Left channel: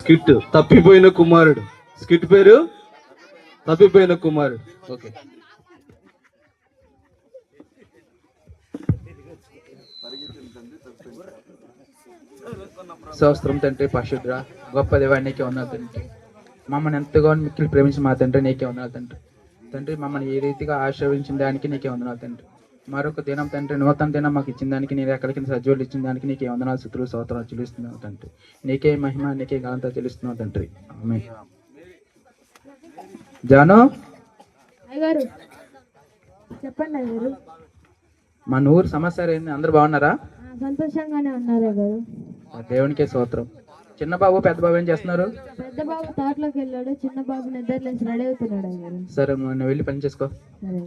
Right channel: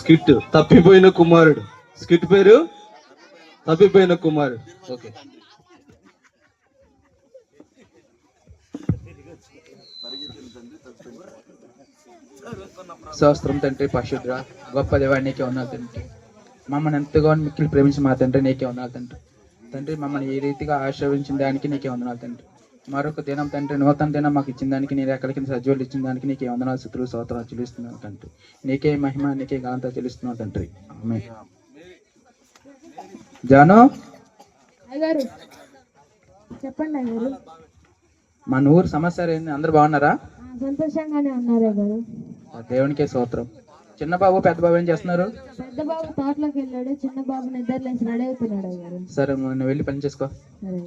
Skit తప్పిపోయిన కుమారుడు. Skit పేరు తప్పిపోయిన కుమారుడు. ఓకే. స్తోత్రం తండ్రి, పరిశుద్ధ గొప్ప దేవాన్ని నీకే ఉన్నావు తండ్రి. మమ్మల్ని ఎంతగా మిక్కిలి ప్రేమించి మా తండ్రి నీకే ఉన్నావు తండ్రి. తండ్రి మమ్మల్ని ఈ రీతిగా ఆశీర్వదించిన దానికి నీకే వందనాలు తండ్రి. మరొక దినం తండ్రి, నూతన దినం మాకు ఇచ్చిన దానికి, నీ ఎక్కడికి సజీవులు ఇచ్చిన దానికి నీకే వందనాలు, స్తుతులు, స్తోత్రాలు చెల్లిస్తున్నాను తండ్రి. నీకే మహిమ, నీకే ఘనత చెల్లిస్తున్నావు తండ్రి. ఆమేన్. జాను, అయ్యగారు చెప్పండి అయ్యగారు. మన ఊరు సమస్య ఏంది? అందరు బాగున్నారా? సంతోషంగానే ఉన్నారు అయ్యగారు. దేవునికే స్తోత్రం. చిన్న బాబు పెద్ద బాబు ఏం చేస్తున్నారు? పెద్ద బాబు తోటలోకి వెళ్ళాడు, చిన్న బాబు నిద్ర లేచి రెడీ అవుతున్నాడు అయ్యగారు. సరే, నువ్వు వెళ్ళి పని చేసుకో. సరే.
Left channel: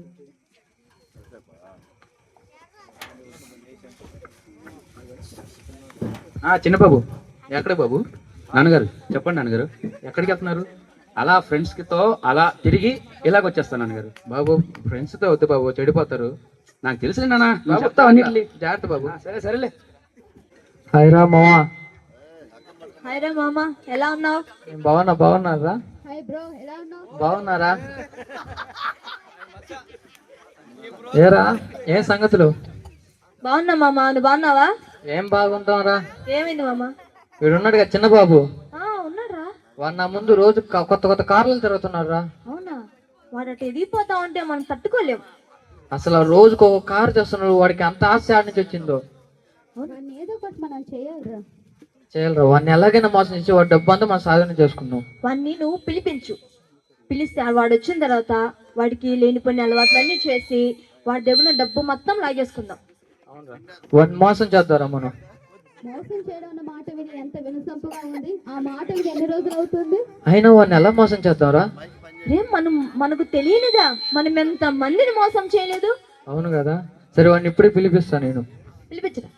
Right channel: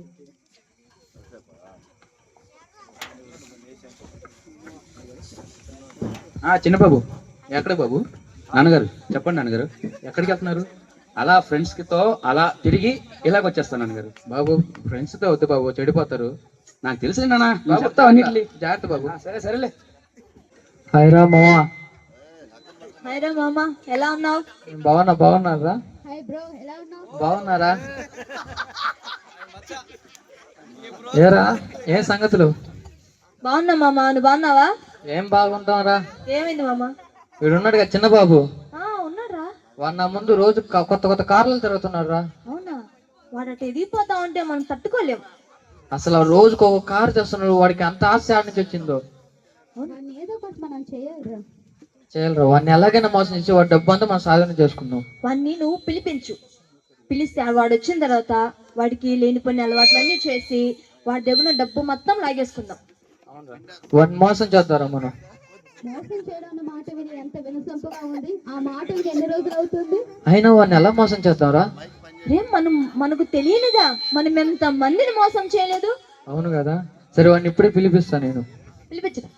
చిన్న బాబు ఎక్కడ బాబు? నాన్నగారు చెప్పండి. నాన్నగారు ఎక్కడికి వెళ్తున్నారు? అలా ఫ్రెండ్స్ తో అలా తిరిగి ఇలాగ వచ్చేస్తాను నాన్నగారు. బాబు ఫ్రెండ్స్ తో వద్దు బాబు, చెడిపోతారు. నాకు తెలుసు నాన్న, బాబు, చెప్తావు అన్నిటిని. జాగ్రత్త బాబు. సరే సరేలే. హాయ్ రా మావా. హాయ్ రా మామ, ఎలా ఉన్నావు? బాగున్నారా? హాయ్ బ్రో, ఎలా ఉన్నావు? బాగున్నారా? ఏరా ఏ సంగతులు? బాగున్నా మామ, నువ్వు బాగున్నావా? ఏం బాగుంటాం రా. ఏమైంది మామ? వీడు ఉన్నాడు కదా చిన్న బాబు, ఉన్నాడ్రా. వాడు నా ముందు రోజు కొత్త కొత్త కార్లు తిరుగుతున్నాడు రా. అవునా? వాడు అటు ఎదిగిపోతా ఉంటే మనం తట్టుకోలేం. అసలు రోజుకు ఒక కారు చేస్తున్నాడు. వాడికి అంత ఆశ ఆడ నుంచి వచ్చిందో. ఏదో ఒకటి మనం చేయాలిరా. చేయాలరా. వాడిని ఎలాగైనా మోసం చేసి వాడి డబ్బు అంతా మనం సాధన చేసుకున్నాం. వాడిని నువ్వు పిలిపించు. పిలిస్తే వాడు వచ్చిన తర్వాత వాడికి లేనిపోయిన అలవాట్లన్నీ చేసి వాడి దగ్గర డబ్బు మొత్తం లాగేసుకుందాం. వాడిని మోసం చేద్దారా మనం? మోసం చేయడం అన్న మాట విని ఎంత వినసొంపుగా ఉంది. ఆ మాట విని ఎన్ని రోజులు అవుతుంది? అయినా వాడిని ఎలా మోసం చేద్దాంరా? మనకు తెలియనిదా మనం ఎంత మందిని మోసం చేయలేదు? అవును కదా. సరే, వాడిని ఇప్పుడే పిలిపిస్తా నేను. పిలిపించరా.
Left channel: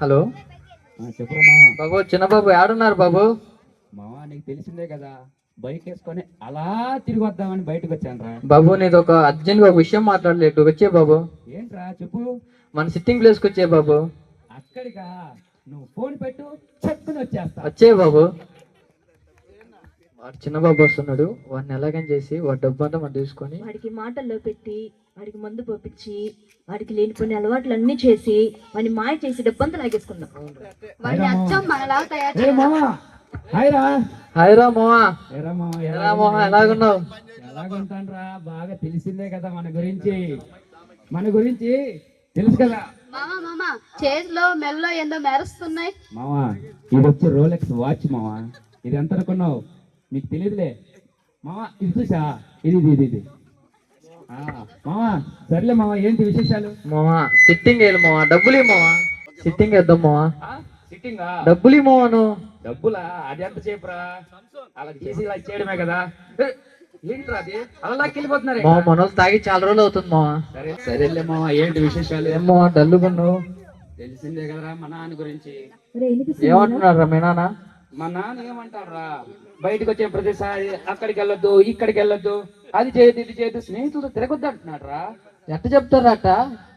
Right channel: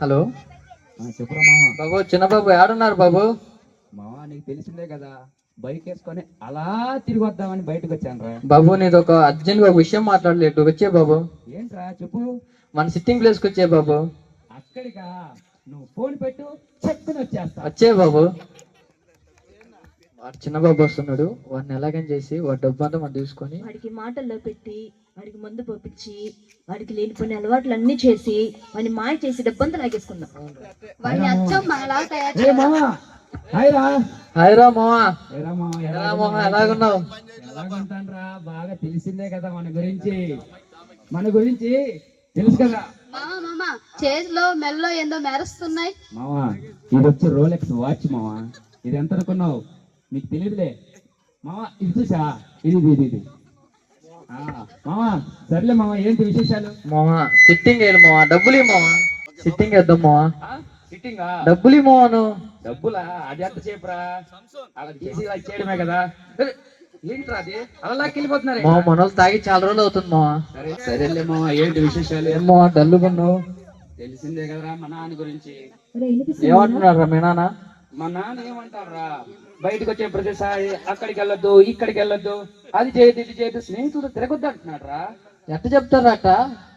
హలో చెప్పురా మామ. బాబు, చిన్న బాబు ఏడున్నారు బాబు? మామ నీకు తెలిసిందే కదా, బైక్ వేసుకొని అలా తిరిగి వద్దామని బయటకు వచ్చాను రా. బాబు, నీది ఒక అర్జెంట్ గా ఒక విషయం మాట్లాడలేదు. వచ్చే బాబు. ఏంట్రా చెప్పు. మన సిట్టింగ్ ప్లేస్ కి వచ్చే బాబు. అక్కడికా? నువ్వు ఫోన్ పెట్టు, చెప్పుకుని వచ్చేస్తా. వచ్చే బాబు. వాడు చిన్న బాబు వస్తున్నాడు. వాడిని ఎలాగైనా చేసి వాడి డబ్బు అంతా మనం తీసుకొని వాడికి మాటల్లో పెట్టి వాడికి మందు పంపించి వాడికి లేనిపోయిన అలవాట్లు అన్ని చేసి వాడిని మాయ చేసి డబ్బంతా లాగేసుకుందాం. వాడిని అచ్చం మనలా తయారు ఏ మామ, హాయ్ రా. హాయ్ రా మావా. ఏరా మామ, ఎలా మావా, ఎలాగున్నావు? ఎలాగుంటానురా, బాగా తెలిసిందే కదా మన గురించి తెలుసు కదా. మామ చేతిలో మెల్లో ఏందో మెరుస్తున్నాయి. మామ ఇది వచ్చి రోలెక్స్ వాచ్ మామ. ఇది ఎంత అనుకున్నావు? నీకు తెలియదులే మామ. ఇది చూసా, ఇది మామ. సర్లే మామ, ఏంటి విశేషాలు? మావా సిట్టింగ్ వేయాలి మావా. డబ్బులు మావా. సిట్టింగ్ వేద్దాం మావా. సిట్టింగా? డబ్బులు మావాను. డబ్బులా? అది ఎంత చేపురా, అలా తీసి ఇలా చేయడమే కదా. ఏంట్రా అది అలా వెళ్ళిపోతున్నారు? మావ మన వాళ్ళు తాగి చాలా రోజులు అవుతుంది మావా. సరేలే మామ, ఏంటి విశేషాలు? ఏమో డల్లుకున్నావు. తెలిసిందే కదరా మా నాన్న గురించి. ఏమంటున్నారా మీ నాన్న? మా నాన్న ఏమంటారా, బయటకు వచ్చే ప్రతిసారి అక్కడికి వెళ్ళొద్దు, ఇక్కడికి వెళ్ళొద్దు, అది చేయదు ఇది చేయదు, స్నేహితులు తిరగొద్దు అంటున్నాడు రా. ఎట్ట చెప్తారా అట్ట?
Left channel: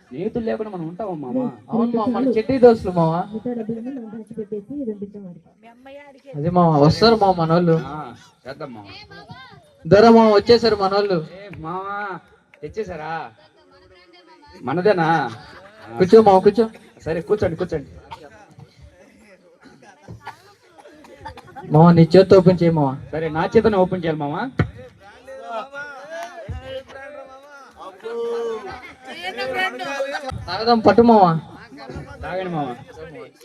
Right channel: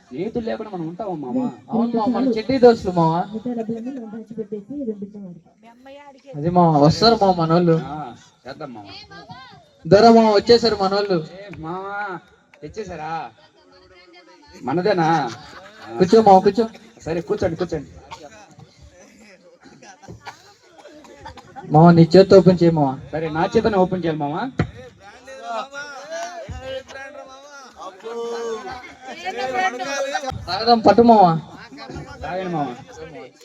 స్నేహితులు లేకుండా మనం ఉంటామా మామ? అవును మావ, మన చెట్టి దోస్తులు మావా. అది మావా, వస్తారు మావ మన వాళ్ళు. చేద్దాం మామ. దొర మావ వచ్చేసారు మన వాళ్ళు. మామ తెచ్చేసారా? మనదేనా? కూర్చో మావ, కూర్చో. సరే కూర్చోండి. మావ నీ చేతి ఓపెన్ చేయి మావ. సరే, నా చేతనే ఓపెన్ చేయాలి మామ. తాగదాం పట్టు మావ. తాగండి మామ.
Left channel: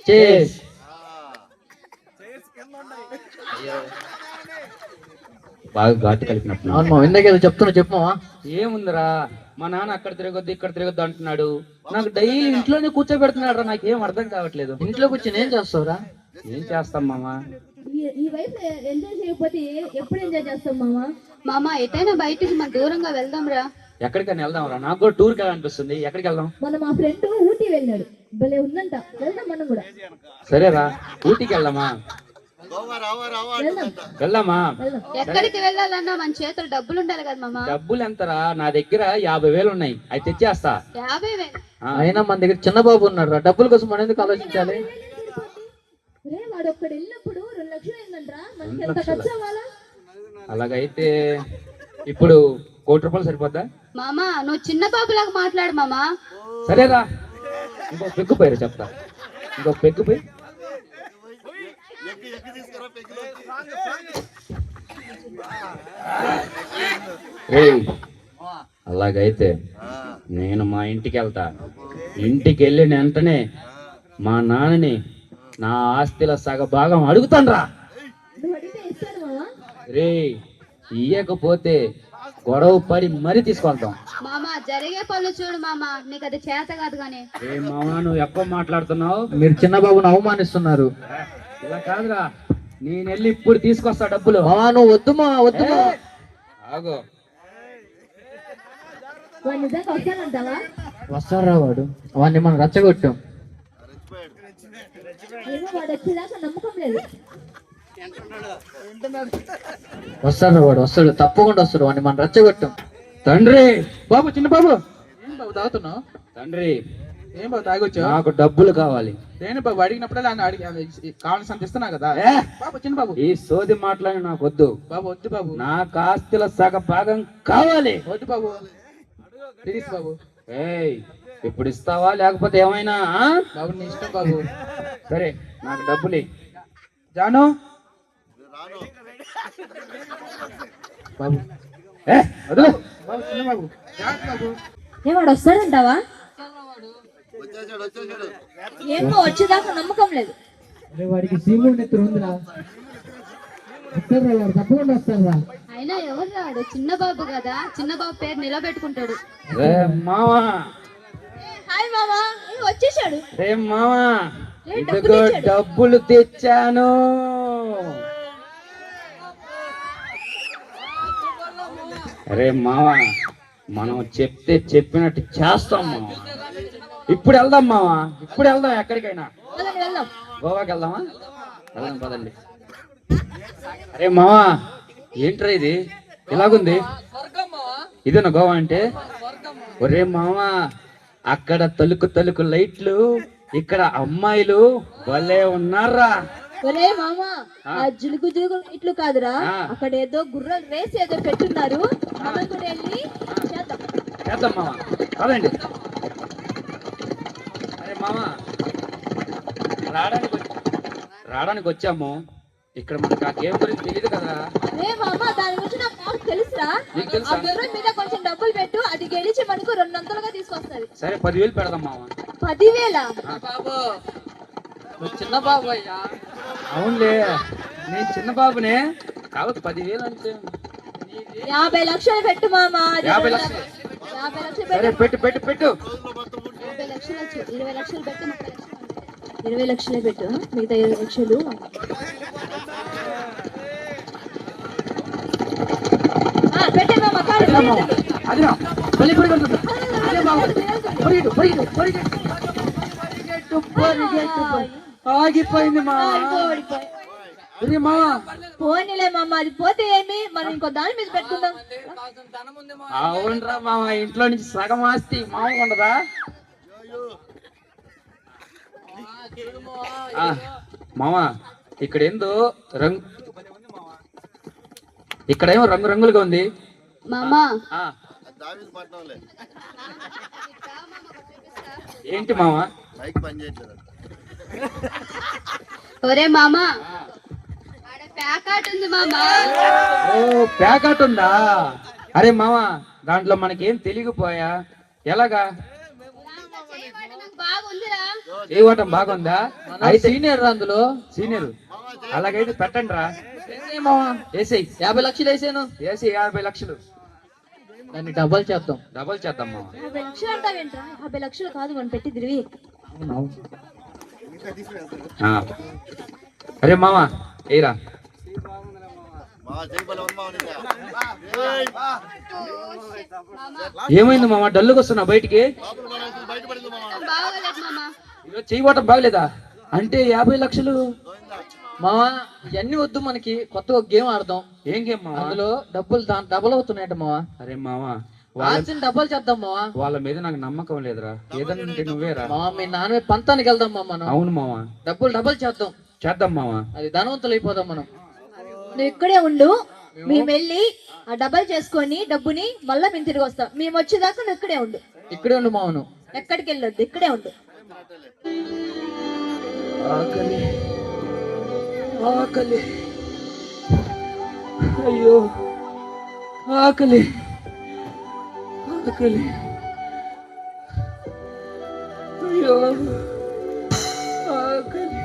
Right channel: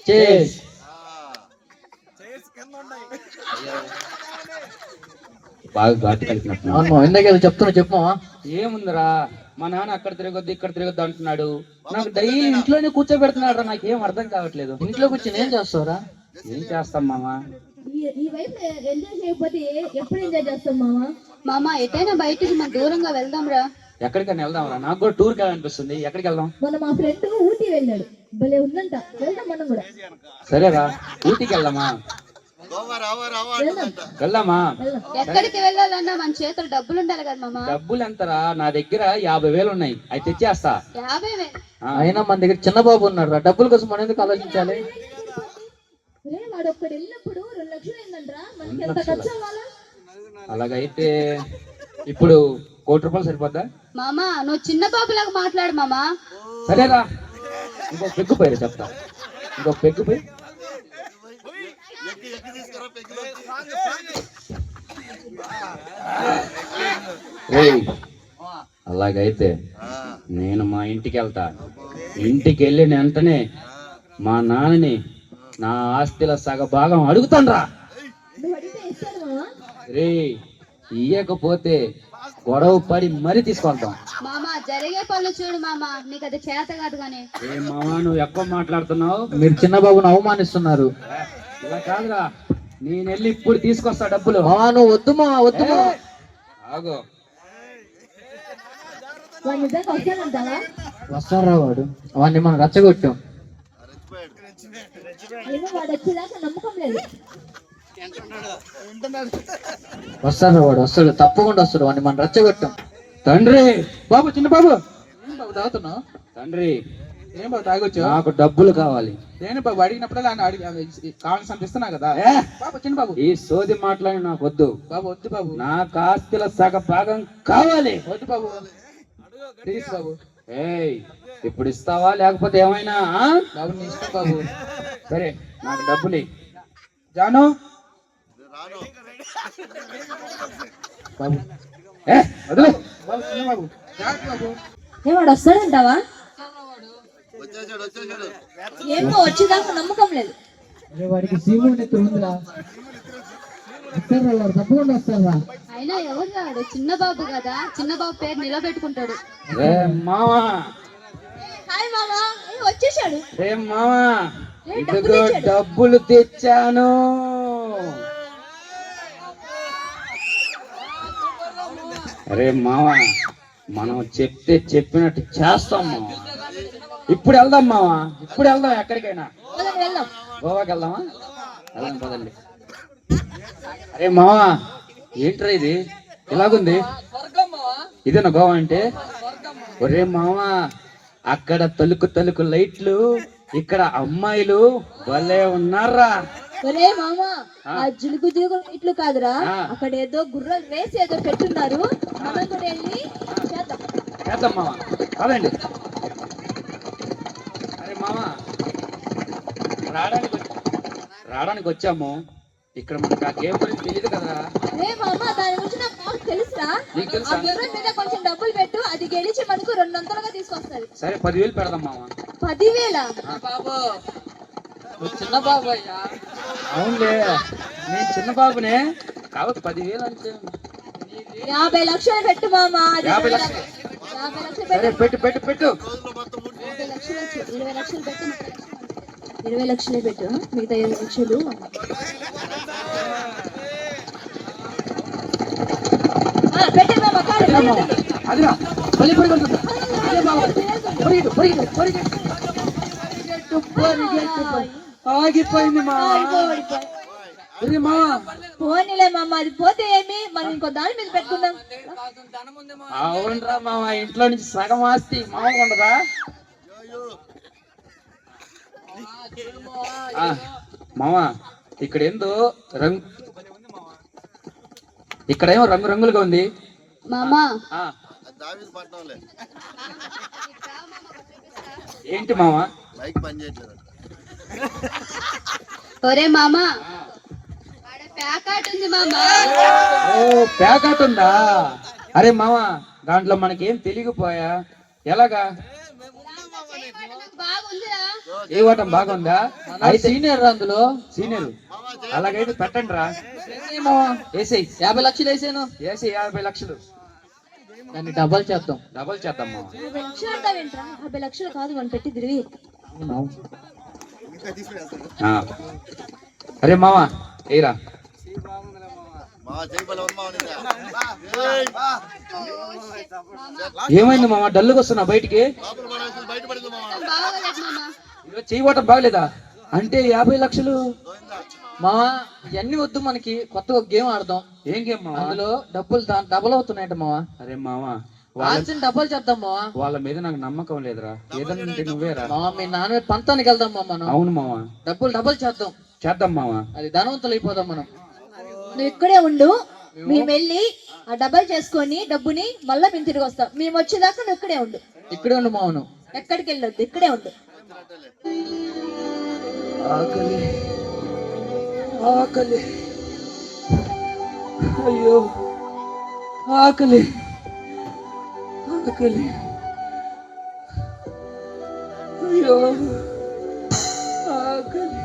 చేస్. బాగా ఘాటు కలిపినట్టు. అవును మావ, ఇందాక చెప్తున్నా, చెప్పు మావ. ఏముందిరా, మా నాన్న అక్కడ తిరగొద్దు ఇక్కడ తిరగొద్దు అంటున్నాడు. నాకు డైలీ ఇంట్లోనే కూర్చోబెడుతున్నాడు రా. నాకేం అర్థం కావట్లేదు. ఇంట్లో కూర్చొని ఏం చేస్తావురా? ఏం చేస్తాం మామ? ఈ వయసు ఎంజాయ్ చేయకపోతే ఎప్పుడు ఎంజాయ్ చేస్తాం మామ? మామ ఎటైనా బయటికి మనం దూరంగా వెళ్దాం రా. ఎక్కడికైనా వెళ్దాం రా. నాకు కూడా టూర్ కావాలనిపిస్తుంది. ఎక్కడికి వెళ్దాం? మన మా ఫ్రెండ్ ఊటీ వెళ్ళాడు, భలే ఉందంట. వెళ్దాం మనం కూడా. సరేరా, ఊటీకి వెళ్దామా? వెళ్దామా? ఎక్కడికి వెళ్ళాలన్నా మన చేతులు డబ్బులు ఉండాలి కదా మామ. డబ్బులు ఎంతరా? నా దగ్గర 50,000 ఉన్నాయి, అవి తెచ్చేస్తా. 50,000 అయినా మన దగ్గర చిన్న బాబు ఉన్నాడు రా, డబ్బుల కోసం మనం ఎందుకు ఆలోచించాలి? వాడు ఒక్కడు వెళ్ళినప్పుడు 2 లక్షలు అయిందంట్రా, మనకి ఎంత ఖర్చు అవ్వాలా? అలాగైతే ఇప్పుడు 1 కోటి రూపాయలు సరిపోద్దా? మామ నువ్వు చిన్న బాబులాగా మాట్లాడు మామ. సరేరా, ఇంకో పెగ్గు పోయారు చెప్తా. ఇంకో పెగ్గు పోయి అలాగైతే నేను మా ఇంటికి వెళ్తా. ఇంటికి వెళ్ళిన వెంటనే మా నాన్నని నా ఆస్తిలో సగ భాగం అడుగుతాను రా. నువ్వు అడిగితే ఇస్తాను మావా. రే, ఇయ్యకపోతే గొడవ పడి మరీ తీసుకెళ్తాం. మామ జరిగే పనులు చూడు మామ, నీకు అది చేత కాదు కానీ. ఏ మామా, నువ్వు ఎక్కువ మాట్లాడుతున్నావు. మీరు చిన్న బాబుని అవమానిస్తున్నారు. ఇలా కాదురా, నేను వెళ్ళి ఇప్పుడు తీసుకొస్తా డబ్బులు. నువ్వు వద్దు మా, వద్దు మా. ఆగు. వాడు నిజంగా వస్తానంటావా? వస్తారా వాడు? వాడిని మనం రచ్చగొట్టాం. ఏమో వాడు వచ్చేదాకా నమ్మకం లేదు. వస్తాడు వాడు, వస్తాడు, తప్పకుండా వస్తాడు. వాడిని మనం రచ్చగొట్టాం. తండ్రి, బాబు, చిన్న బాబు, ఏం బాబు తాగుతున్నావు? తండ్రి, ఏం బాబు తాగొచ్చావు? నాకు డబ్బులు కావాలి. నేను బాబు అడిగినప్పుడల్లా కావాల్సి ఇస్తున్నా కదా. ఏ, బాబు, చిన్న బాబు, ఈ సోది మాట్లాడి నాకు వద్దు. బాబు వద్దు బాబు, నాకు ఆస్తిలో సగ భాగం కావాలి. వద్దు బాబు, ప్లీజ్ బాబు. ఏయ్, ఇప్పుడు ఇస్తావా లేకపోతే ఏమైనా? బాబు నీ ఇష్టం బాబు. సరే, నాకు డబ్బులు ఇయ్యి. జాను బాబు, ఏ, వదిలే. బాబు, చిన్న బాబు, జాగ్రత్త బాబు. ఏం వాడు వస్తాడంటావా? ఏమో వచ్చేదాకా నమ్మకం లేదు. వాడికి సీముడు నెత్తురు ఉందిరా, వస్తారా తప్పకుండా వస్తారా? అయినా ఎవరు రాడు, చిన్న బాబు కదా, చిన్న బాబు పేరు నిలబెట్టుకుంటాడు. రే మావా, హాయ్ మామా, వచ్చేసాడు. రే మావా, ఏ, ఇదిగో డబ్బులు తెచ్చాను. అరే మావా, మనం చెప్తే చెప్పినట్టు చేస్తాం మావా. ఇప్పుడు వెళ్దాం మావా, ఇప్పుడు వెళ్దాం. ఎక్కడికైనా పదండి, వెళ్దాం. గోవాకి వెళ్దామా? వెళ్దాం పదండి. అరే మావా, ఏంట్రా ఇది ఇలాగుంది? ఇదేనా గోవా అంటే? ఒరే మావా, అక్కడ తలుకు తలుకు లైట్లు, ఇక్కడ అమ్మాయిలు భలే ఉన్నారా. ఒరే మామా, ఆ జిలుగు జిలుగు ఇట్లు కాదురా, అక్కడ ఏదో గుర్రం రేస్ ఏదో పెట్టున్నారు. మనం కూడా వెళ్ళి చేద్దాం. చేద్దాం మావా, పదండి. అరే మావా, రావడానికి వచ్చాము. ఇక్కడ మనకు ఆ గేమ్ గురించి తెలియదు కదా. అరే మామా, దాని గురించి నాకు బాగా తెలుసురా. నీకు ఆ తెలుసా? గుర్రం మీద కొంచెం డబ్బులు పెట్టు, అది గెలిచి మనకు 200గా తీసుకొస్తుంది. సరే, 10,000 పెడదాం మావా. 10,000? బాబు, చిన్న బాబు అయ్యా. అవునులే, నేను చిన్న బాబునే కాబట్టి 10,000 అంటే 50 లక్షలు పెట్టు మామా. అది 50 లక్షలు. 50 లక్షలు సరే, పెట్టు. పెట్టు పెట్టు పెట్టు. 50 లక్షలు వచ్చి 20 లక్షలు పెట్టి 30 లక్షలు. 20 లక్షలే పెట్టు, మిగతా 20 లక్షలు పెట్టే మామా. కాదు, అదిరా, మళ్ళీ పరిగెడుతుంది. అదే మావా, పరిగెడు, పరిగెడు, పరిగెడు. ఆగిపోయింది మా. ఇది మా. పోనీలే మామ, అది పోతే ఏమి, మనం ఇంకో దాని మీద పెట్టుకుందాం. అవునరా మామ, ఇంట్లో నుంచి సగం ఆస్తి మామూలుగా ఉండదా? మామ, ఇక్కడ ఏందో రంగు, ఇక్కడేమో రంగు రంగులుగా ఉంది మామా. ఏంటి మామ? ఒరే మామా, ఆడ ప్యాకాట్ ఉంది మామా. ఓ, ప్యాకెట్ ఉందా? అరే మామ, దాంట్లో మనకేం తెలియకపోయా? ఎలాగా? బాగుందిరా. ఏ ఓటం బాగుందా? అయితే సీనియర్ అందులో సీనియర్. అలాగైతే పెట్టండి రా. వేసేయి. 50 లక్షలు వేసాను. వేసి 50 లక్షలు. దాన్ని డబల్ చేద్దాం. డబల్ చేద్దాం మామ. 50 లక్షలు అంటావేంట్రా? 50 లక్షలు కాదు మనం పెట్టి తిరిగి. అరే మామ, ఏరా. ఏమైంది మామ, డల్లుగా వస్తున్నా బయటికి? బాగోలేదు మామా. ఈరోజు చెయ్యి ఓటం బాగలేదా? అంటే 50 లక్షలు మావా ఇవన్నీ వద్దు, మనకి కొత్త ఒక గేమ్ ఆడదాం. ఏం గేమ్ మావా? అందులో డబ్బులు డబల్ అవుతున్నాయట మావా. అరే మావా, రాసిన డబ్బులు చేద్దాం మావా. వాళ్ళ మీద నాకు నమ్మకం లేదురా. ఏదంటే నువ్వేరా. మావా మీ నాన్న పంతానికి వెళ్దాం మా మనం. అవును మావా, డబ్బులు డబల్ చేద్దాం. చేద్దాం మావా. అది ధనవంతులు అయిపోదాం మనం. నువ్వు ఇక్కడే ఉండు, మేము వెళ్ళి ఆ డబ్బులు చేసుకొని డబ్బుని మళ్ళీ మేము తిరిగి వస్తాం. మేము వచ్చేదాకా నువ్వు ఇక్కడే ఉండు. ఇక్కడే ఉండు మావను. ఎక్కడికి వెళ్ళొద్దు, ఇక్కడే ఉండు. ఆకలి ఆకలి, అయ్యో ఆకలి ఆకలి, అయ్యో ఆకలి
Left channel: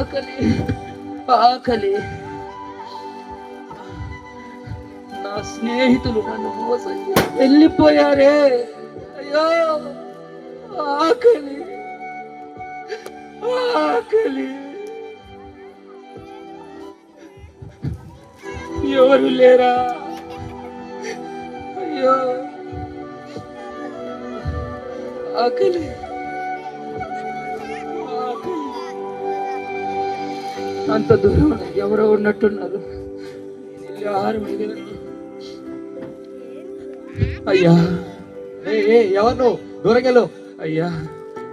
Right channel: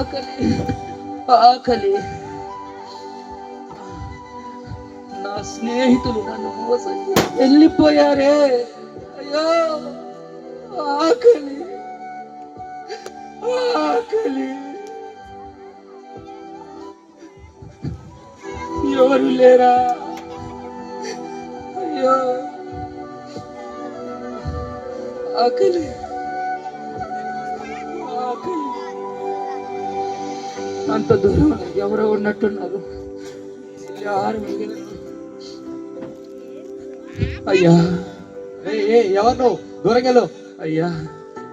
ఆకలి ఆకలి. నా స్నేహితులు నన్ను మోసం చేసి వెళ్ళిపోయారే. అయ్యో ఆకలి ఆకలి, ఎవరు లేరా? అయ్యో ఆకలి ఆకలి. అంత దూరం ఎవరో ఉన్నట్టున్నారు. ఆహారం అడిగిన అయ్యా. ఎవరు దూరంగా? అయ్యా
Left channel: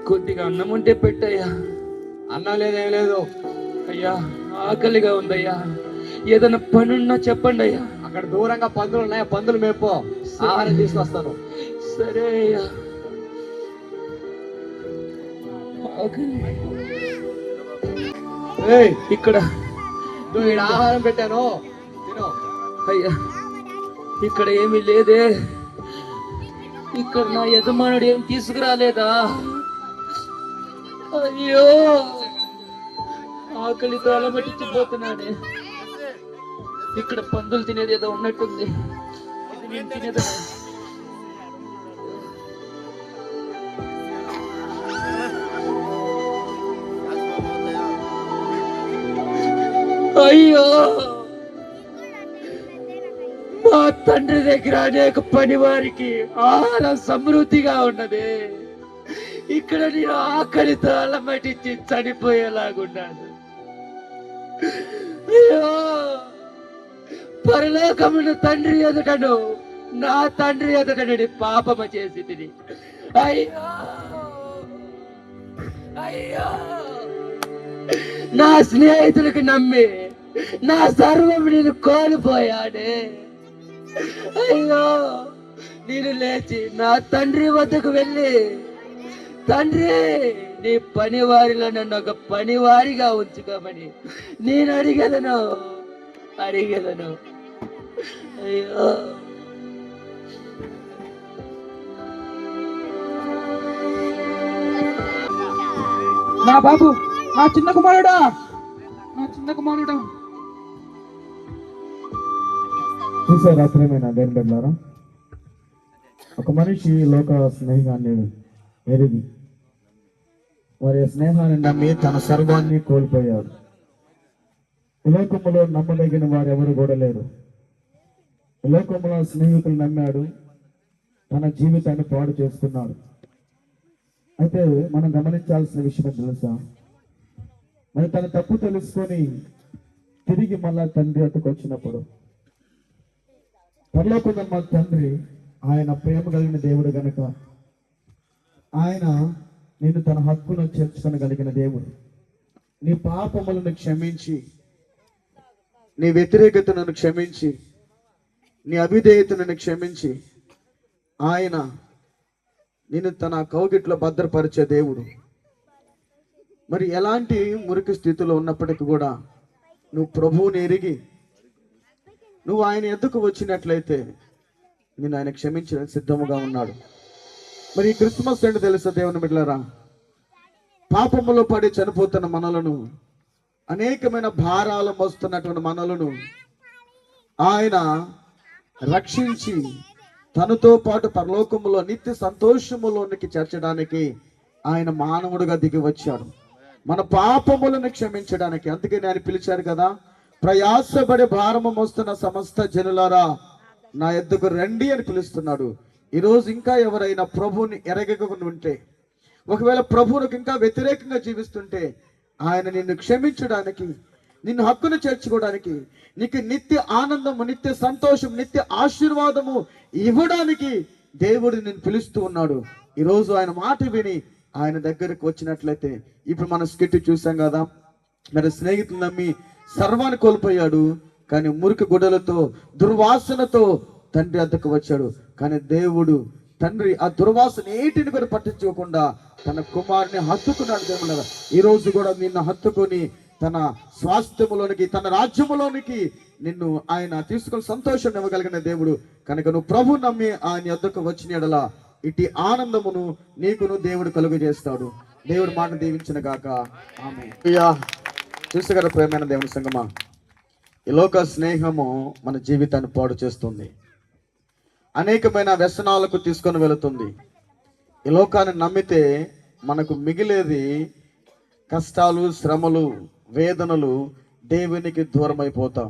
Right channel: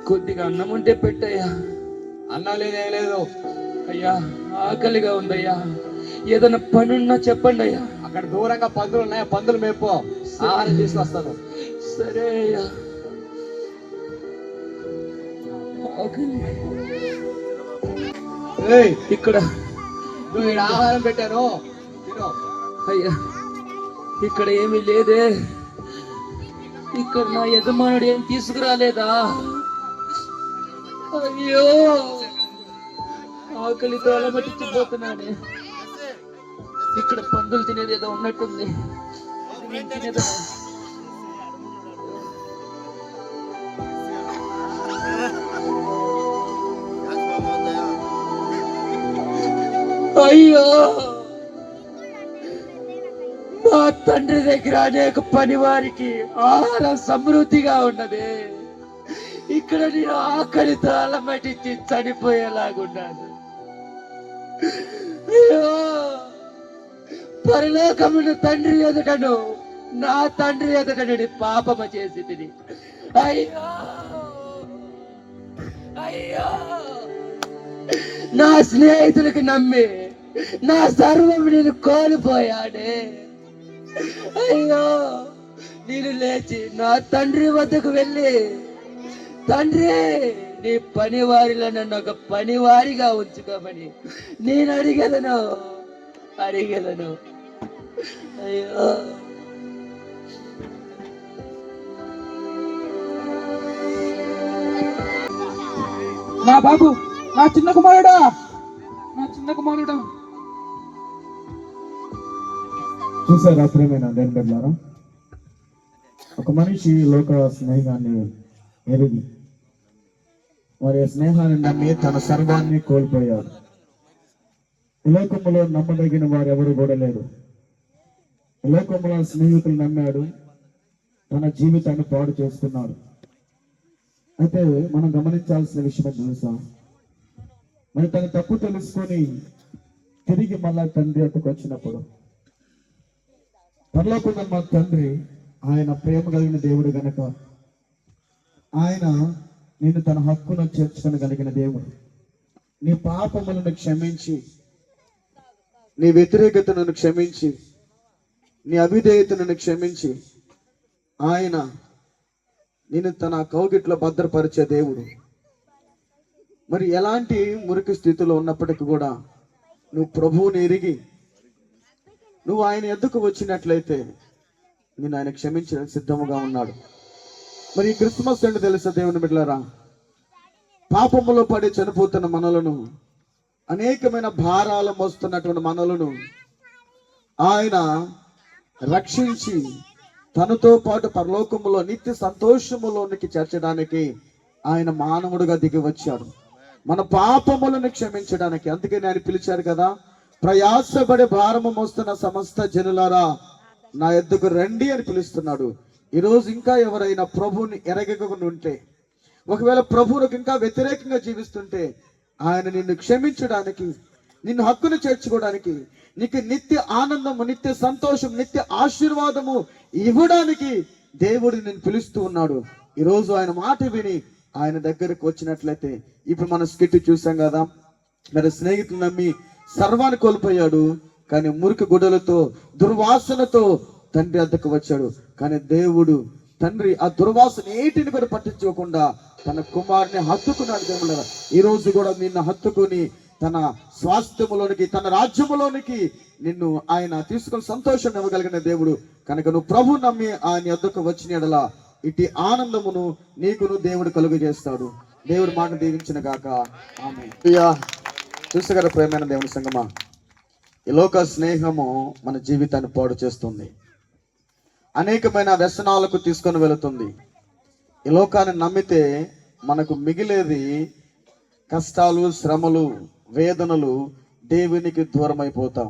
కొద్దిగా అన్నం ఉంటే పెట్టయ్యా. అన్నం లేదేం లేదు. అయ్యా ఆకలిగా ఉందయ్యా, ఏదైనా పనున్నా చెప్పండి అయ్యా. అక్కడ దూరంగా పందులు ఉన్నాయి, పందులు మేపో, ఆహారం తీసుకొస్తాను. సరే అయ్యా. ఆకలి. ఏయ్, ఇక్కడ నువ్వు ఈడ ఆహారం పెట్టాను, తిను. అయ్యా ఇక్కడ ఏమీ లేదే. ఇక్కడ నా యజమానుడు ఏం తీసుకురాలేదా? అయ్యో ఆకలితో అలమటించిపోతున్నానే. ఇక్కడ పందులు తినేది ఏదో ఉన్నట్టుంది. ఇది నేను తినేదా? అయ్యో మా తండ్రి దగ్గర అనేక పని వారికి ఆహారం సమృద్ధిగా ఉన్నది. ఇక్కడ నేను ఆకలితో అలమటించి చనిపోయేలాగున్నాను. అయ్యో పరలోకమున తండ్రి ఎదుటను నా తండ్రి ఎదుటను పాపము చేసి తిని. అయ్యో అయ్యో నా స్నేహితులకు నమ్మి నా సర్వం నేను కోల్పోయాడే. అయ్యో నేను లేచి నా తండ్రి వద్దకు వెళ్ళి, తండ్రి నీ పనివారిలో నన్ను ఒక పనివారిగా ఉంచుకోమని నేను అడిగలను. అయ్యో నా బాబు, నా చిన్న కుమారుడా, నా చిన్న కుమారుడు. చూసారా ప్రేమైన దేవుని బిడ్డలారా, ఒక మనిషి లోక స్నేహాన్ని ఎరిగి వారి స్నేహాన్ని నమ్మి తన సర్వాన్ని కోల్పోయాడు. ఈ లోకంలో నమ్మదగిన వారు ఎవరు కూడా లేరు. ఈ లోకంలో స్నేహితులు నమ్మాడు, తన జీవితాన్ని పాడు చేసుకున్నాడు. అయితే మనం గమనించాల్సిన విషయం తెలుసా, మరి తన తప్పు తెలుసుకొని తిరిగి మళ్ళా తండ్రి అట్టుకు వచ్చినప్పుడు, పరలోకమున్న మా తండ్రి ఆయన ప్రేమ కలిగిన దేవుడు గనక ఆయన నేను తన హక్కును చేర్చుకొనగలిగిన దేవుడు. నీ పాపములను క్షమించి, నీ వ్యతిరేకతను క్షమించి, నీ అవిధేయతను క్షమించి ఆయన నేను తన కౌగిట్లో భద్రపరిచే దేవుడు. మరి ఎలాంటి మురికి స్థితిలో ఉన్నప్పటికీ కూడా నువ్వు ప్రభువుని ఎరిగి నువ్వు ఆయన ఎద్దుకు వచ్చినట్లయితే నేను ఆయన క్షమించడానికి సిద్ధముగా ఉన్నాడు. మరి ఈ క్రిస్మస్ ఏంటో తెలుసా దేవుని బిడ్డలారా, పాపములో పడి చనిపోతున్న మనలను, అనేకమైన భారాలు మోస్తున్నటువంటి మనలను ఆయన రక్షించి తనతో పాటు పరలోకములో నిత్య సంతోషములోనికి చేర్చడానికి ఆయన మానవుడుగా దిగి వచ్చాడు, మన పాపములను క్షమించడానికి. అందుకే ఆయన పిలిచారు కదా, ప్రయాసపడి భారము మోస్తున్న సమస్త జనులారా నా యొద్దకు రండి అని పిలుస్తున్నాడు. ఈరోజు ఇంకా ఎవరైనా ప్రభువుని ఎరగకుండా ఉంటే, ఒకవేళ ప్రభువునికి ఇంకా వ్యతిరేకంగా జీవిస్తుంటే ఆయన నిన్ను క్షమించడానికి, నిన్ను హక్కును చేర్చుకోవడానికి, నీకు నిత్య ఆనందము, నిత్య సంతోషం, నిత్య ఆశీర్వాదము ఇవ్వడానికి దేవుడు నిన్ను పిలుస్తూ ఉన్నాడు. ఈరోజు ఆయన మాట విని ఆయన దగ్గరకు వచ్చినట్లయితే, ఇప్పుడు మనం స్కిట్ చూసాం కదా, మరి స్నేహితులు నమ్మి సర్వాన్ని కోల్పోయాడు, కానీ మురికి గుడ్డలతో దుర్వాసనతో తండ్రి వద్దకు వచ్చాడు. కానీ దేవుడు తండ్రి ఆ దుర్వాసన ఏటిని కూడా పట్టించుకోకుండా తన కుమారుని హత్తుకున్నాడు. దేవుడు ఈ రోజు కూడా నిన్ను హత్తుకొని తన స్వాస్థ్యములోనికి, తన రాజ్యములోనికి నిన్ను ఆయన తీసుకొని సంతోషం ఇవ్వగలిగిన దేవుడు కనుక నువ్వు ప్రభు నమ్మి ఆయన వద్దకు వచ్చిన యెడల ఇటు ఆనందమును నీకును దేవుడు కలుగు చేస్తాడు. దేవుడు మాట దీవించిన గాక ఆమేన్. చూసగల ప్రేమైన దేవుని సంగమా, ఈ లోక స్నేహము మన జీవితాన్ని పాడు చేస్తుంది, అనేకమైన వ్యసనాలకు తీసుకొని వెళుతుంది. ఈ లోకాన్ని నమ్మితే మనకు మిగిలేది కష్టాలు, శ్రమలు, వేదనలు, దేవునికి దూరం అయిపోతాం.